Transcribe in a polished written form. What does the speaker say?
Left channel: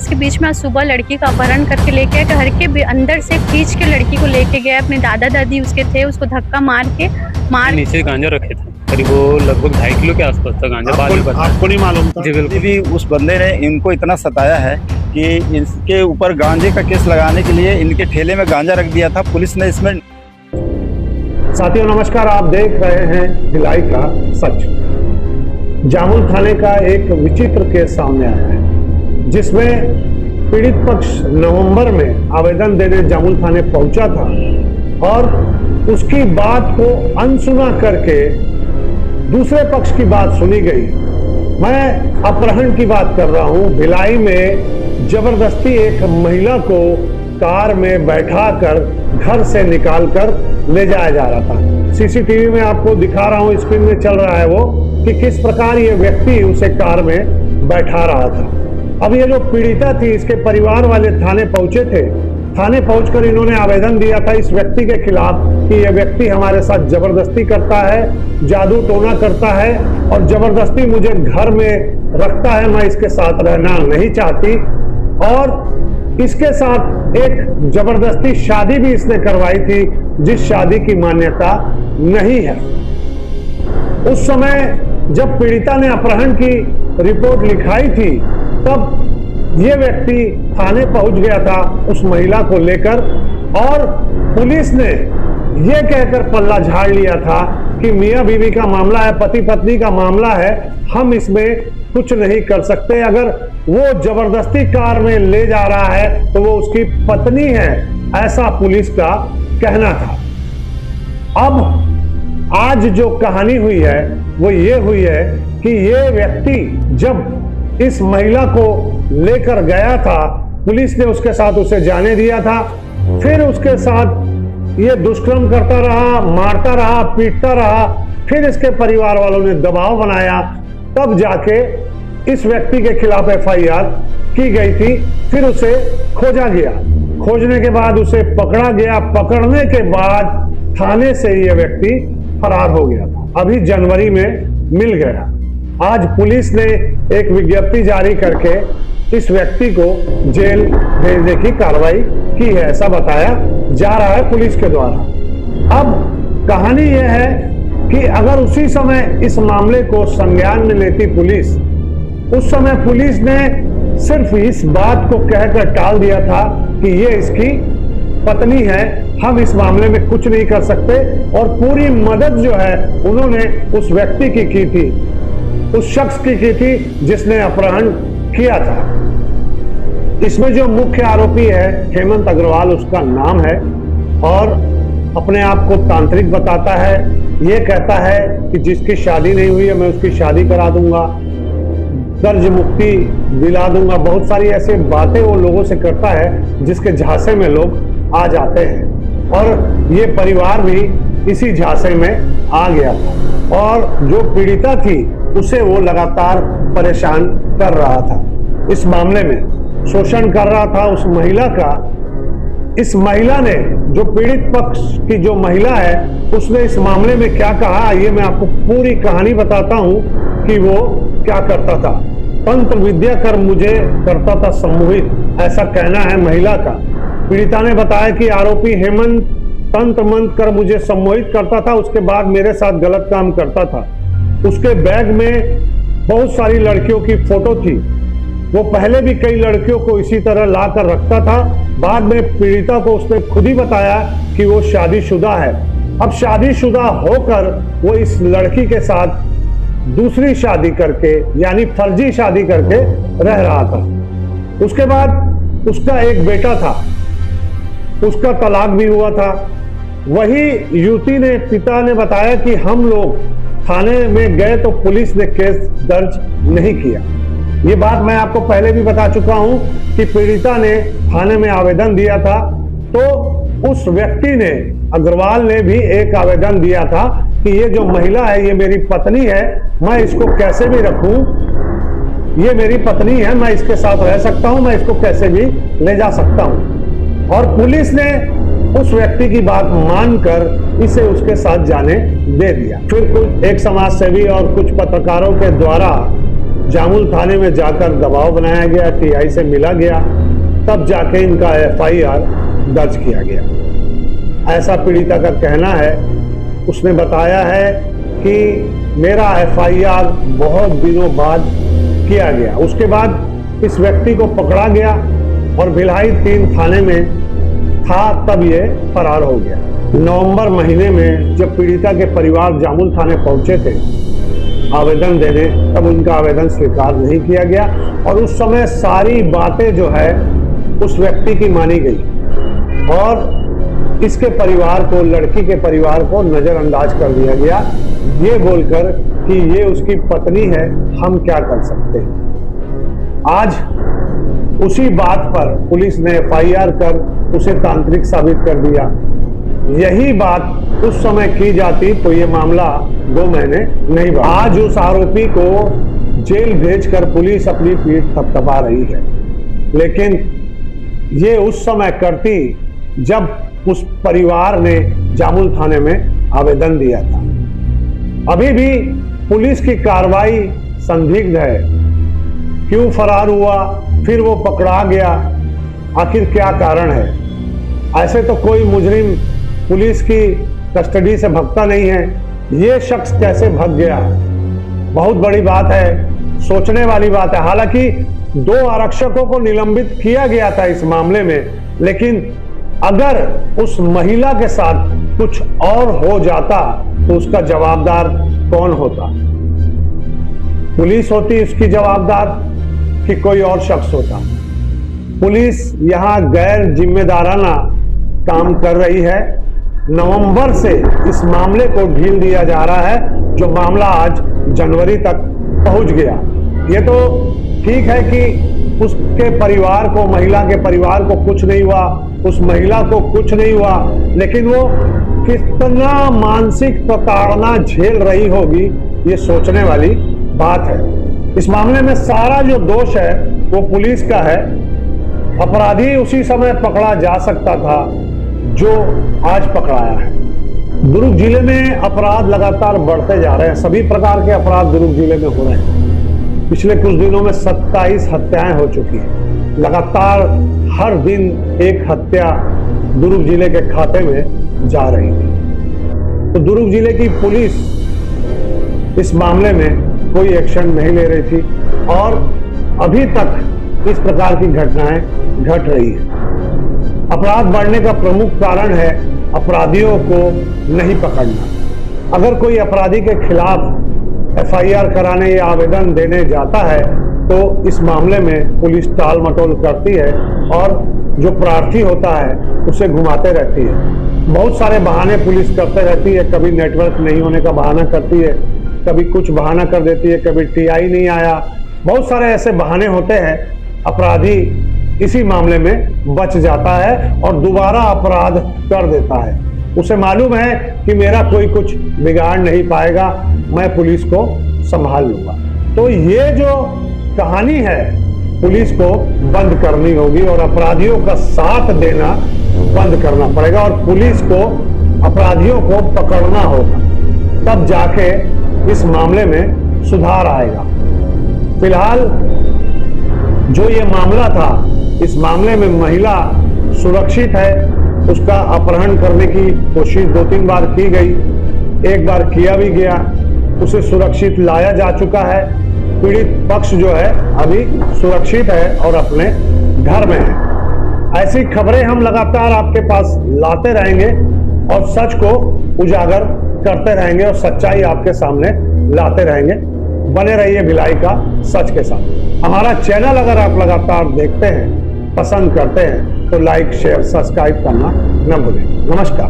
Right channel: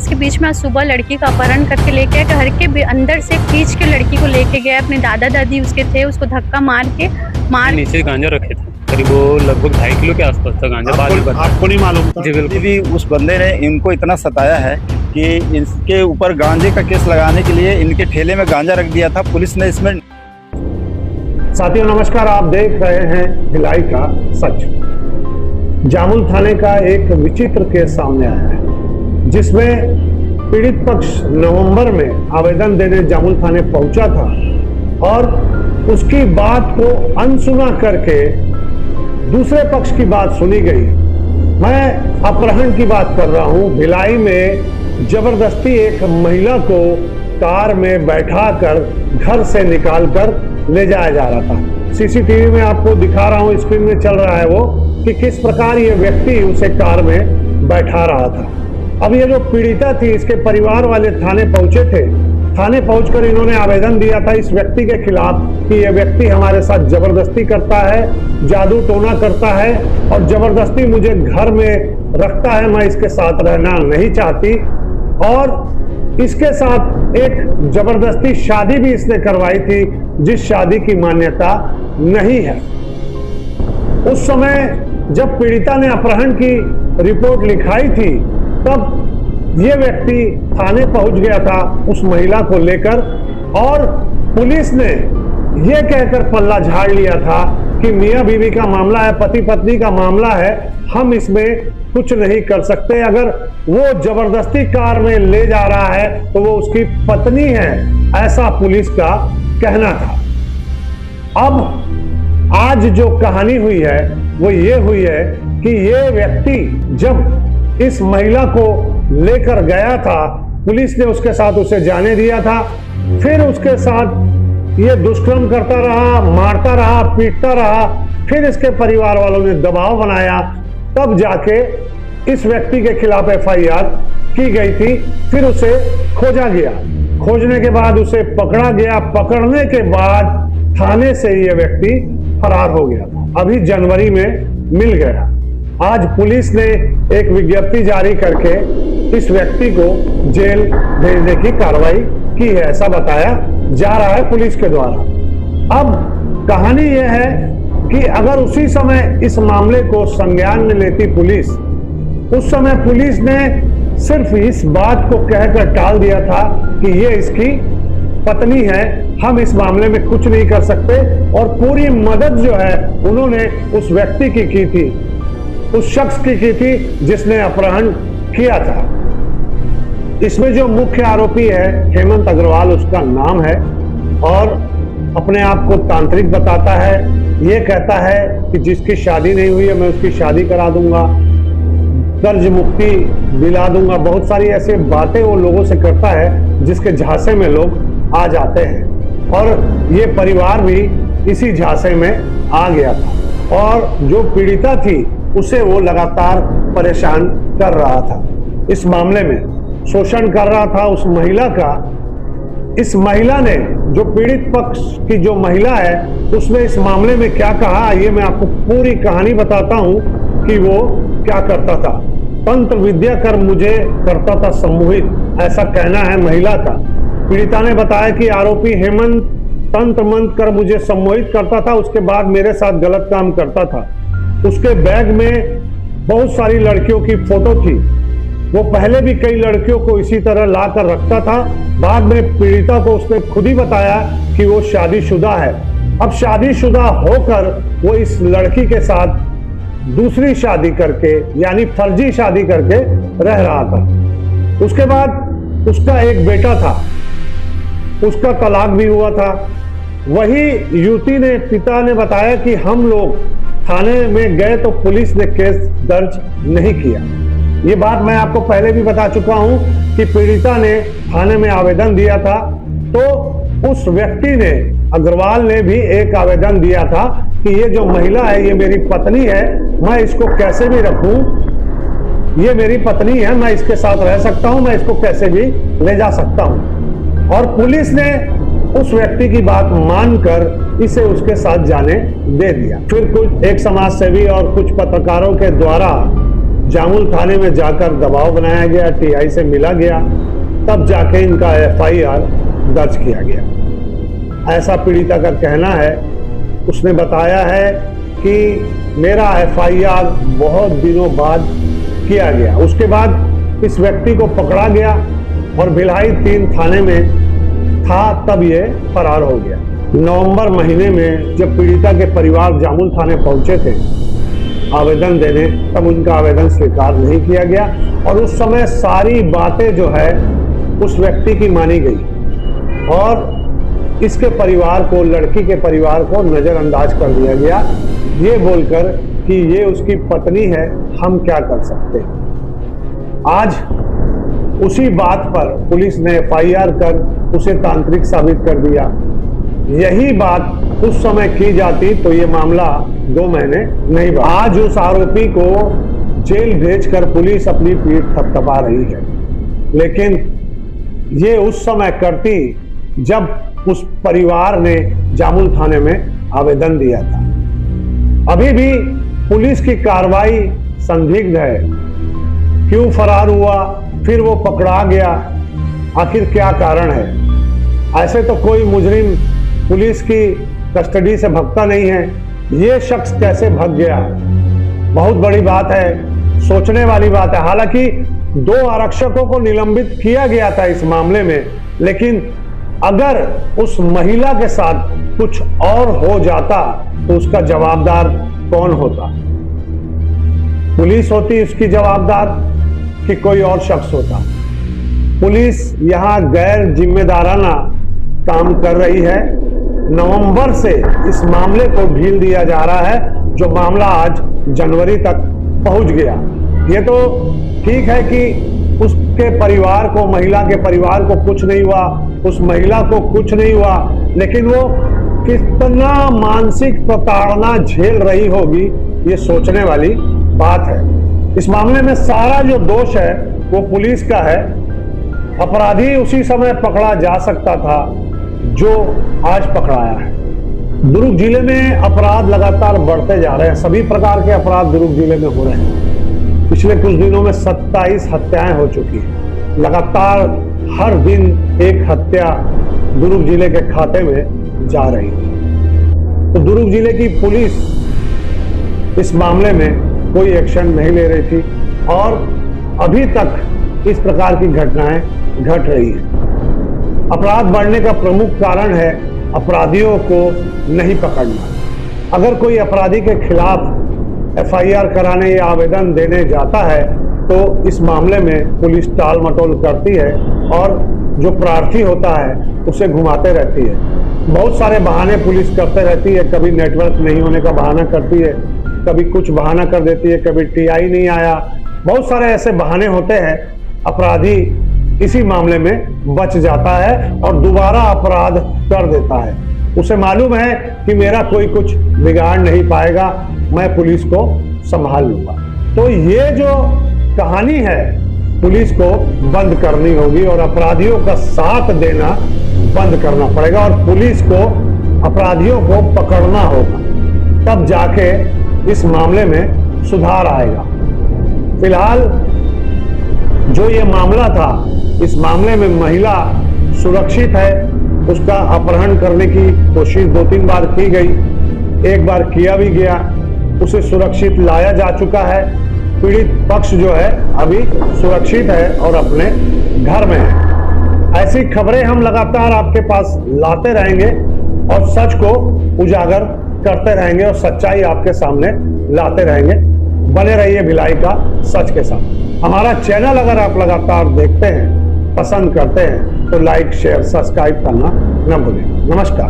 आपस के बीच में आज सुबह लड़की का अपहरण करके लेके आया, घर के अंदर से खींच के लड़की को लेके गया। अपने दादा दादी उसके थे, उसको धक्का मार नीचे गांजा रखे थे, करीब वो लगभग 2.5 किलो के आसपास था गांजा। बाद में आपको नहीं मालूम था? जी बिल्कुल। भी उस बंदे ने इनको इतना सताया है कि इनके ऊपर गांजे का केस लगाने के लिए इनके ठेले में गांजा रख दिया था। पुलिस ने इसमें। साथियों नमस्कार, आप देख रहे हैं भिलाई का सच। जामुल थाने का एक विचित्र केस सामने आया है, जिसमें पीड़ित पक्ष नवंबर में आवेदन देने जामुल थाने पहुंचा था और उसकी बात को अनसुना करके दूसरे पक्ष की बात सुनी गई। मैं अपहरण की बात कर रहा हूं। भिलाई में जबरदस्ती एक महिला को कार में बैठाकर घर से निकालकर ले जाया जा रहा था। सीसीटीवी में आपको दिखा रहा हूं, स्क्रीन में चल रहा है वो, कि किस प्रकार ये व्यक्ति उसे कार में बैठा रहा था। अब ये जो पीड़िता थी, इसके परिवार वाले थाने पहुंचे थे। थाने पहुंचकर इन्होंने आवेदन दिया था इस व्यक्ति के खिलाफ कि यह व्यक्ति हमारे साथ जबरदस्ती करता है, जादू टोना करता है और जबरदस्ती मुझे घर में रखता है। मैं इसके साथ रहना नहीं चाहती और इसके साथ एक जबरदस्ती शादी भी इसने करवाई थी, जिस शादी की मान्यता नहीं है। उस समय जब पीड़िता ने अपहरण की रिपोर्ट लिखाई थी, तब ये व्यक्ति थाने पहुंच गया था उस महिला को लेकर और पुलिस ने यह कहकर पल्ला झाड़ लिया था कि मियां बीवी का मामला है, पति पत्नी का मामला है, हम इसमें कुछ नहीं कर सकते। अगर वो जबरदस्ती कार में ले जा रहा है तो वो उसकी पत्नी है, ऐसा पुलिस का कहना था। अब आज जो कहानी हुई है वो ये हुई है कि ये व्यक्ति जब इस महिला को लेकर गया था, पुलिस ने उसके साथ उसे जाने दिया था, फिर उसके साथ ये दुष्कर्म करता रहा, मारता रहा, पीटता रहा। फिर इसके परिवार वालों ने दबाव बनाया, तब जाके इस व्यक्ति के खिलाफ एफआईआर की गई थी। फिर उसे खोजा गया, खोजने के बाद उसे पकड़ा गया। पकड़ने के बाद थाने से ये व्यक्ति फरार हो गया था। अभी जनवरी में मिल गया। आज पुलिस ने एक विज्ञप्ति जारी करके इस व्यक्ति को जेल भेजने की कार्रवाई की है, ऐसा बताया जा रहा है पुलिस के द्वारा। अब कहानी यह है कि अगर उसी समय इस मामले को संज्ञान में लेती पुलिस, उस समय पुलिस ने सिर्फ इस बात को कहकर टाल दिया था कि ये इसकी पत्नी है, हम इस मामले में कुछ नहीं कर सकते, और पूरी मदद जो है उन्होंने उस व्यक्ति की थी, उस शख्स की थी जिसने अपहरण किया था। इसमें जो मुख्य आरोपी है हेमंत अग्रवाल उसका नाम है और अपने आप को तांत्रिक बताता है। ये कहता है कि जिसकी शादी नहीं हुई है मैं उसकी शादी करा दूंगा, कर्ज मुक्ति दिला दूंगा। बहुत सारी ऐसी बातें वो लोगों से करता है जिसके झांसे में लोग आ जाते हैं, और ये परिवार भी इसी झांसे में आ गया था और जो पीड़िता थी उसे वो लगातार परेशान कर रहा था। इस मामले में शोषण कर रहा था उस महिला का। इस महिला ने, जो पीड़ित पक्ष की जो महिला है, उसने इस मामले में क्या कहा, ये मैं आपको पूरी कहानी बताता हूं कि वो क्या करता था। तंत्र विद्या कर मुझे करता था सम्मोहित, ऐसा कहना है महिला का। पीड़िता ने बताया कि आरोपी हेमंत तंत्र मंत्र कर मुझे सम्मोहित करता था, उसके बाद मेरे साथ गलत काम करता था। उसके बैग में बहुत सारी लड़कियों की फोटो थी। वो पहले भी कई लड़कियों को इसी तरह ला कर रखता था। बाद में पीड़िता को उसने खुद ही बताया कि वो शादीशुदा है। अब शादीशुदा होकर वो इस लड़की के साथ दूसरी शादी करके, यानी फर्जी शादी करके रह रहा था। उसके बाद उसका एक बेटा था, उसका तलाक भी हुआ था। वही युवती ने, पिता ने बताया कि हम लोग थाने में गए तो पुलिस ने केस दर्ज नहीं किया। ये बात मैं आपको पहले भी बता चुका हूं कि पीड़िता ने थाने में आवेदन दिया था, तो उस व्यक्ति ने, अग्रवाल ने भी एक आवेदन दिया था कि ये जो महिला है ये मेरी पत्नी है, मैं इसको कैसे भी रखूं, ये मेरी पत्नी है, मैं इसके साथ रह सकता हूं, मैं इसको कैसे भी ले जा सकता हूं। और पुलिस ने उस व्यक्ति की बात मानकर इसे उसके साथ जाने दे दिया। फिर कुछ एक समाज सेवी और कुछ पत्रकारों के द्वारा जामुल थाने में जाकर दबाव बनाया गया, टीआई से मिला गया, तब जाके इनका एफआईआर दर्ज किया गया। ऐसा पीड़िता का कहना है। उसने बताया है कि मेरा एफआईआर बहुत दिनों बाद किया गया, उसके बाद इस व्यक्ति को पकड़ा गया और भिलाई 3 थाने में था, तब ये फरार हो गया। नवंबर महीने में जब पीड़िता के परिवार जामुल थाने पहुंचे थे आवेदन देने, तब उनका आवेदन स्वीकार नहीं किया गया और उस समय सारी बातें जो है उस व्यक्ति की मानी गई और इसके परिवार को, लड़की के परिवार को नजरअंदाज कर दिया गया, ये बोलकर कि ये उसकी पत्नी है, हम क्या कर सकते हैं। आज उसी बात पर पुलिस ने एफआईआर कर उसे तांत्रिक साबित कर दिया। यही बात उस समय की जाती तो ये मामला 2 महीने नहीं बढ़ा। आज उस आरोपी को जेल भेजकर पुलिस अपनी पीठ थपथपा रही है, लेकिन ये उस समय करती जब उस परिवार ने जामुल थाने में आवेदन दिया था। अभी भी पुलिस की कार्रवाई संदिग्ध है। क्यों फरार हुआ, फिर वो पकड़ा गया, आखिर क्या कारण है? ऐसे तो कोई मुजरिम पुलिस की कस्टडी से भागता नहीं है, ये शख्स कैसे भाग गया? बहुत बड़ी बात है, सोचने वाली बात है। हालांकि 2 आरक्षकों को निलंबित किया गया था इस मामले में, लेकिन अगर उस महिला के साथ कुछ और हो जाता तो उसका जवाबदार कौन होता? पुलिस होती उसकी जवाबदार कि कोई और शख्स होता? पुलिस यहां गैर जिम्मेदाराना काम कर रही है। नवंबर से इस मामले को ढील दिया जा रहा है, जो मामला आज जनवरी तक पहुंच गया। ये तो ठीक है कि उसके परिवार को, महिला के परिवार को कुछ नहीं हुआ, उस महिला को कुछ नहीं हुआ, लेकिन वो कितना मानसिक प्रताड़ना झेल रही होगी, ये सोचने वाली बात है। इस मामले में सारा जो दोष है वो पुलिस का है। अपराधी उसी समय पकड़ा जा सकता था जो आज पकड़ाया है। दुर्ग जिले में अपराध लगातार बढ़ते जा रहे हैं। सभी प्रकार के अपराध दुर्ग जिले में हो रहे हैं। पिछले कुछ दिनों में 27 हत्याएं हो चुकी हैं। लगातार हर दिन एक हत्या दुर्ग जिले के खाते में जा रही है। तो दुर्ग जिले की पुलिस इस मामले में कोई एक्शन नहीं ले रही थी और अभी तक इस प्रकार की घटनाएं घट रही है। अपराध बढ़ने का प्रमुख कारण है अपराधियों को नहीं पकड़ना। अगर कोई अपराधी के खिलाफ एफआईआर कराने या आवेदन देने जाता है तो इस मामले में पुलिस टाल मटोल करती है और जो प्रार्थी होता है उसे घुमाते रहती है। बहुत सारे बहाने पुलिस करते रहती है। कभी नेटवर्क नहीं होने का बहाना करती है, कभी कुछ बहाना कर देती है, कभी टीआई नहीं आया। बहुत सारे ऐसे बहाने होते हैं। अपराधी इसी मामले में बच जाता है और दोबारा अपराध कर देता है। उसे मालूम है कि मेरा कोई कुछ बिगाड़ नहीं पाएगा, मैं पुलिस को संभाल लूंगा। तो ये जो कहानी है पुलिस को बंद करनी होगी और अपराधियों का साथ देना बंद करना पड़ेगा और पुलिस को अपराधियों को पकड़ना होगा, तब जाके इस मामले में सुधार आएगा। फिलहाल जो ये मामला था, इस मामले में महिला सुरक्षित है। उसका अपहरण करने की कोशिश 2-3 बार की गई, एक बार किया भी गया, उसे सुरक्षित लाया जा चुका है। पीड़ित पक्ष जो है अभी सुरक्षित है और अपने घर में है। ऐसी खबरें हम लगातार आपके पास लाते रहेंगे और सच को उजागर करते रहेंगे और सच्चाई आपके सामने लाते रहेंगे। बने रहिए भिलाई का सच के साथ। हमारा चैनल अगर आप लगातार देखते हैं, पसंद करते हैं तो लाइक, शेयर, सब्सक्राइब करना न भूलें। नमस्कार।